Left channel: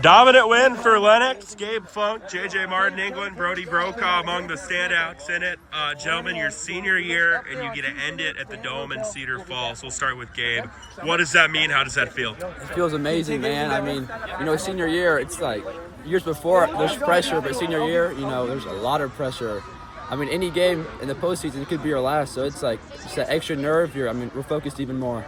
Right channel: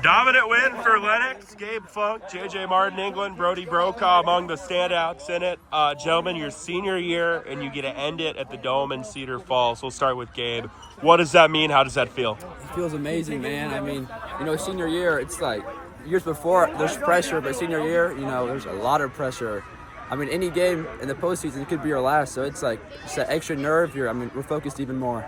Dominant win for Lenox. Gabe Funk, J.J. Martin, England, Brody Brokaw among the standouts in it. Gentlemen, your senior year, and you get to end it at the Dome in Cedar Falls. We'll start with Gabe. What does that mean? How does that feel? It feels amazing, man. I mean, senior year, it's like years before, there's pressure, but senior year, there's a lot of pressure. I mean, any game in the postseason, it could be our last, so it's like it's that extra nerve here. I mean, we're focused even more.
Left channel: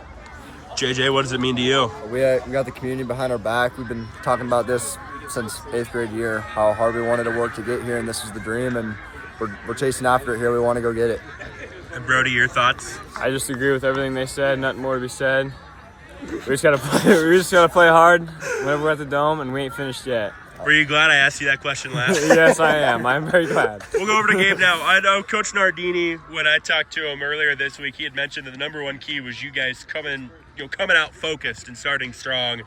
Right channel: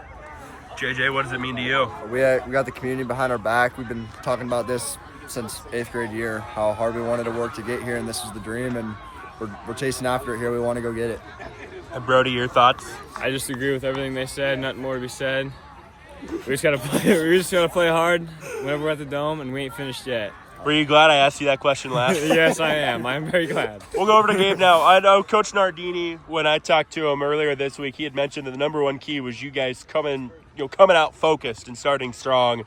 JJ, what does it mean to you? We got the community behind our back. We've been talking about this since 8th grade year, how hard we wanted to work to get here, and this is the dream, and we're chasing after it here. We want to go get it. And Brody, your thoughts? I just agree with everything they said. Nothing more to be said. We just gotta play hard whenever we're at the Dome, and we ain't finished yet. Were you glad I asked you that question last? Yes, I am. I'm very glad. We'll go over to Gabe now. I know Coach Nardini, when I talked to him earlier this week, he had mentioned that the number one key was you guys coming out focused and starting strong.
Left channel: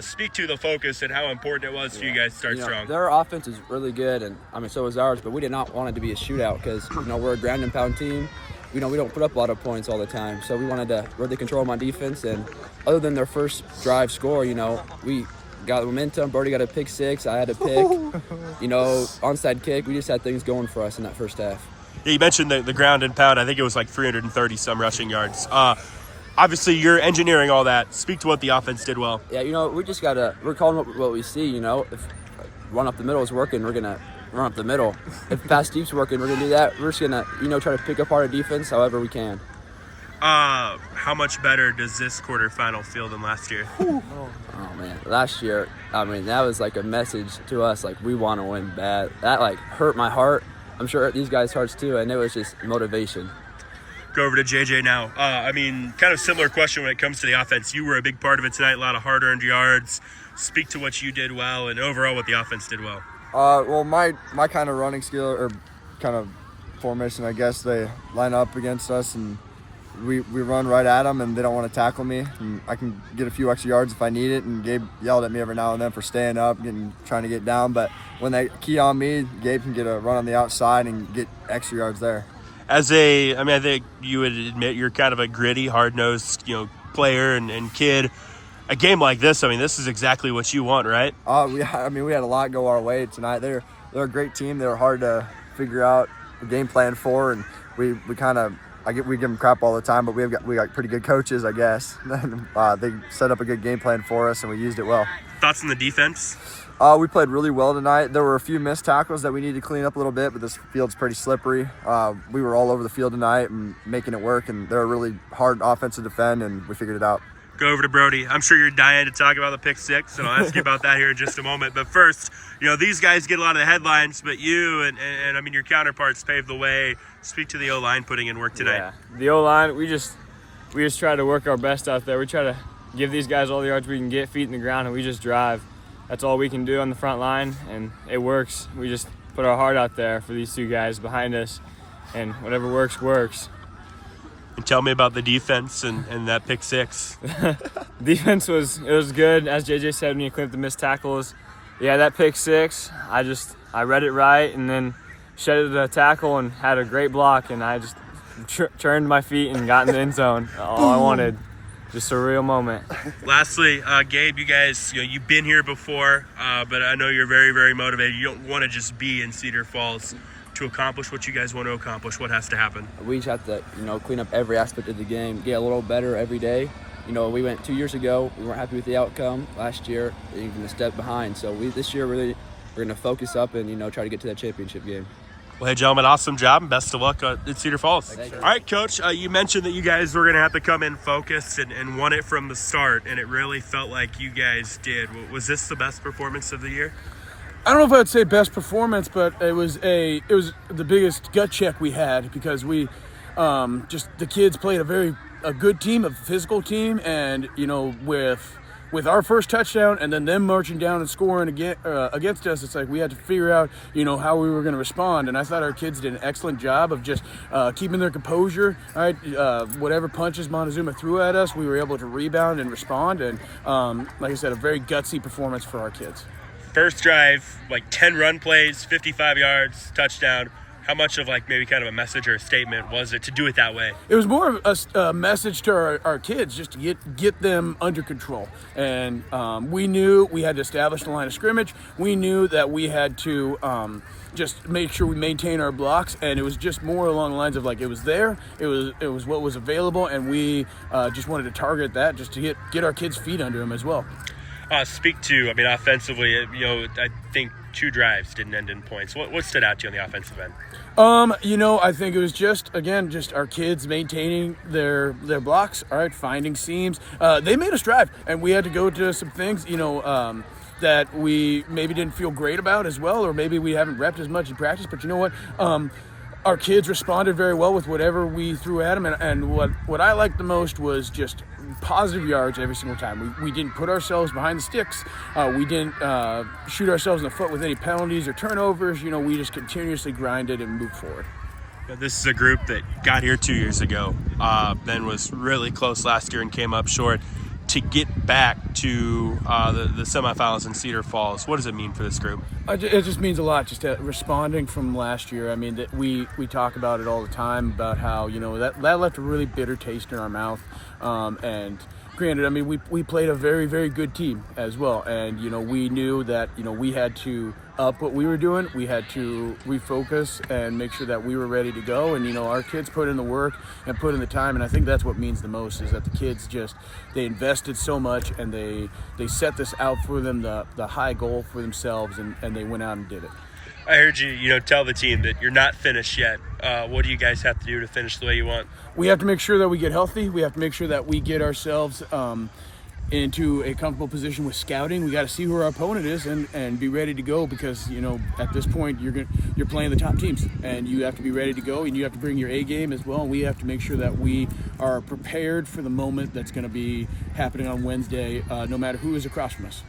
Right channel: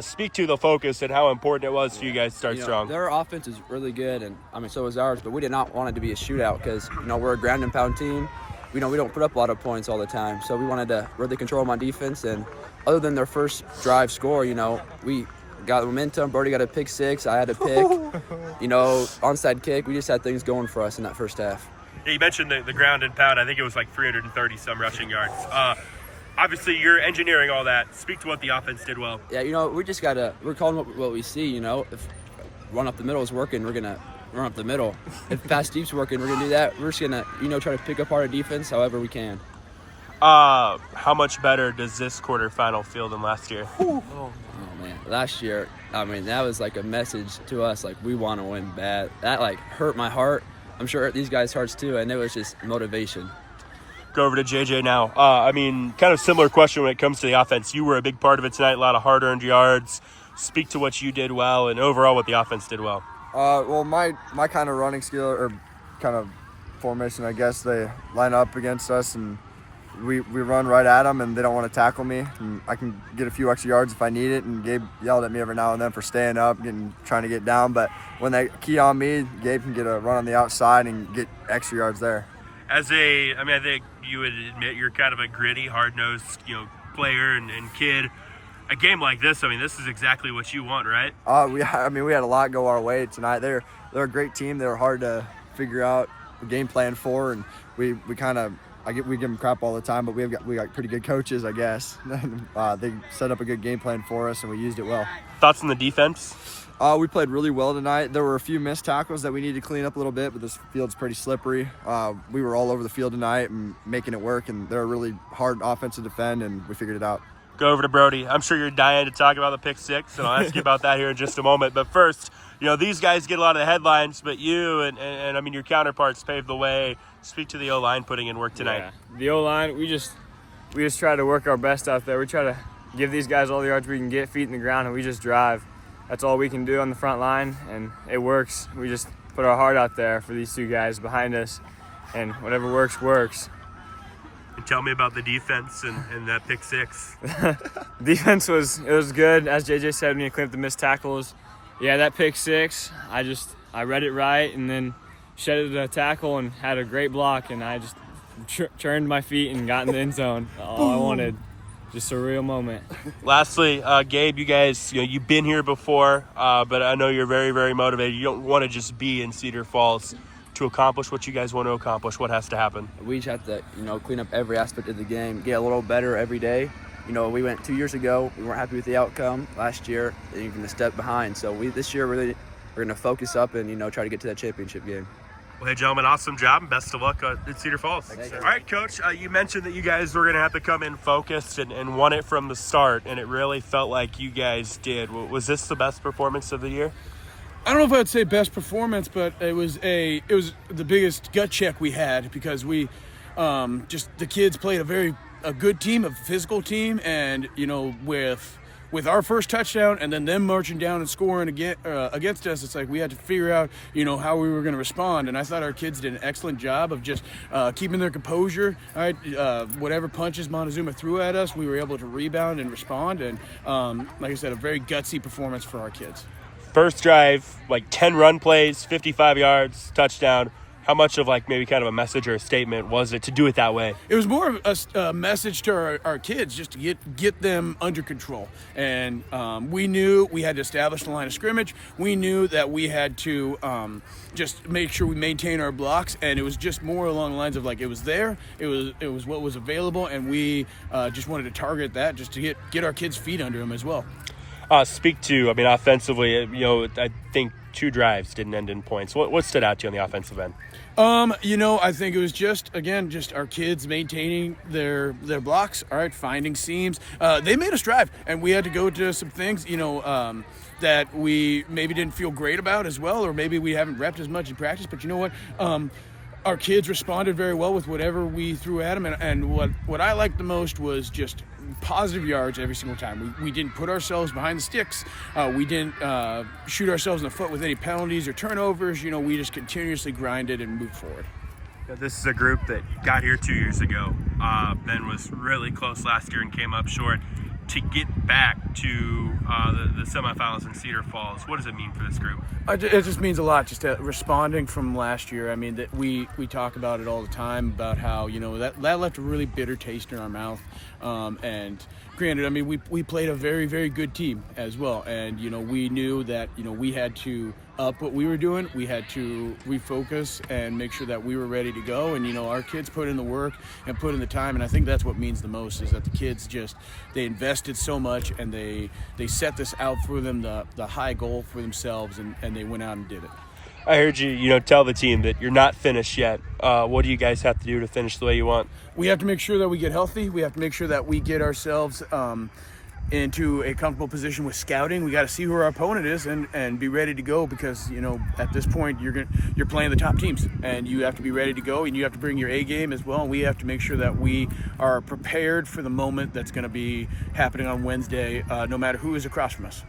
Speak to the focus and how important it was for you guys to start strong. Their offense is really good, and so is ours. But we did not want it to be a shootout because we're a ground and pound team. We don't put up a lot of points all the time, so we wanted to really control them on defense. And other than their first drive score, we got momentum. Brody got a pick six. I had a pick. Onside kick. We just had things going for us in that first half. Yeah, you mentioned the ground and pound. I think it was like 330 some rushing yards. Obviously, you're engineering all that. Speak to what the offense did well. Yeah, we just we're calling what we see. If run up the middle is working, we're gonna run up the middle. If pass deep's working, we're gonna do that. We're just gonna try to pick apart our defense however we can. How much better does this quarterfinal feel than last year? Oh man, last year, that was like a message to us, like we want to win bad. That hurt my heart. I'm sure it hurt these guys' hearts too, and it was just motivation. Go over to JJ now. Kind of similar question when it comes to the offense. You were a big part of it tonight, a lot of hard-earned yards. Speak to what you did well and overall what the offense did well. Well, my kind of running skill or kind of formation, I guess, they line up against us and we run right at them and they don't want to tackle me. And I can get a few extra yards if I need it. And Gabe yelled at me every now and then for staying up and trying to get down. But when they key on me, Gabe can get a run on the outside and get extra yards there. I think you would admit you're kind of a gritty, hard-nosed, player and kid. A game like this, this is exactly what you want, right? We had a lot go our way tonight. They're a great team. They're hard to figure out a game plan for, and we give them crap all the time, but we got pretty good coaches, I guess. They set up a good game plan for us, and we used it well. Thoughts on the defense? We played really well tonight. There were a few missed tackles that we need to clean up a little bit, but this field's pretty slippery. We were all over the field tonight and making it work, and they're a really hard offense to defend, and we figured it out. Go over to Brody. I'm sure you're dying to talk about the pick six, so I'll ask you about that here in just a moment. But first, these guys get a lot of the headlines, but you and your counterparts paved the way. Speak to the O-line putting in work tonight. Yeah, the O-line, we just try to work our best out there. We try to give these guys all the yards we can get, feet in the ground, and we just drive. That's all we can do on the front line, and it works. We just put our heart out there for these two guys behind us, and whatever works, works. And tell me about the defense and that pick six. Defense was good. As JJ said, when you clean up the missed tackles. Yeah, that pick six, I read it right and then shedded the tackle and had a great block, and I just turned my feet and got in the end zone. All I wanted. Just a real moment. Lastly, Gabe, you guys, you've been here before, but I know you're very, very motivated. You don't want to just be in Cedar Falls. To accomplish what you guys want to accomplish, what has to happen? We just have to, clean up every aspect of the game, get a little better every day. We went 2 years ago. We weren't happy with the outcome last year, even a step behind. So this year, we're going to focus up and, try to get to that championship game. Well, hey, gentlemen, awesome job and best of luck at Cedar Falls. Thanks, all right, Coach, you mentioned that you guys were going to have to come in focused and won it from the start, and it really felt like you guys did. Was this the best performance of the year? I don't know if I'd say best performance, but it was the biggest gut check we had because we the kids played a good team, a physical team, and with our first touchdown and then them marching down and scoring against us, it's like we had to figure out how we were going to respond. And I thought our kids did an excellent job of just keeping their composure. All right, whatever punches Montezuma threw at us, we were able to rebound and respond. And like I said, a very gutsy performance for our kids. First drive, 10 run plays, 55 yards, touchdown. How much of like maybe kind of a message or a statement was it to do it that way? It was more of a message to our kids just to get them under control. And we knew we had to establish the line of scrimmage. We knew that we had to just make sure we maintain our blocks. And it was just more along the lines of like it was there. It was what was available. And we just wanted to target that just to get our kids' feet under them as well. Speak to, I mean, offensively, I think 2 drives didn't end in points. What stood out to you on the offensive end? I think it was just our kids maintaining their blocks, all right, finding seams. They made us drive, and we had to go to some things, that we maybe didn't feel great about as well, or maybe we haven't repped as much in practice. But you know what? Our kids responded very well with whatever we threw at them, and what I liked the most was just positive yards every single time. We didn't put ourselves behind the sticks. We didn't shoot ourselves in the foot with any penalties or turnovers. We just continuously grinded and moved forward. This is a group that got here 2 years ago, then was really close last year and came up short. To get back to the semifinals in Cedar Falls, what does it mean for this group? It just means a lot, just responding from last year. I mean, that we talk about it all the time about how, that left a really bitter taste in our mouth. And granted, I mean, we played a very, very good team as well. And, we knew that, we had to up what we were doing. We had to refocus and make sure that we were ready to go. And, our kids put in the work and put in the time. And I think that's what means the most, is that the kids they invested so much, and they set this out for them, the high goal for themselves, and they went out and did it. I heard you, tell the team that you're not finished yet. What do you guys have to do to finish the way you want? We have to make sure that we get healthy. We have to make sure that we get ourselves into a comfortable position with scouting. We got to see who our opponent is and be ready to go, because at this point you're playing the top teams, and you have to be ready to go, and you have to bring your A game as well. And we have to make sure that we are prepared for the moment that's going to be happening on Wednesday, no matter who is across from us.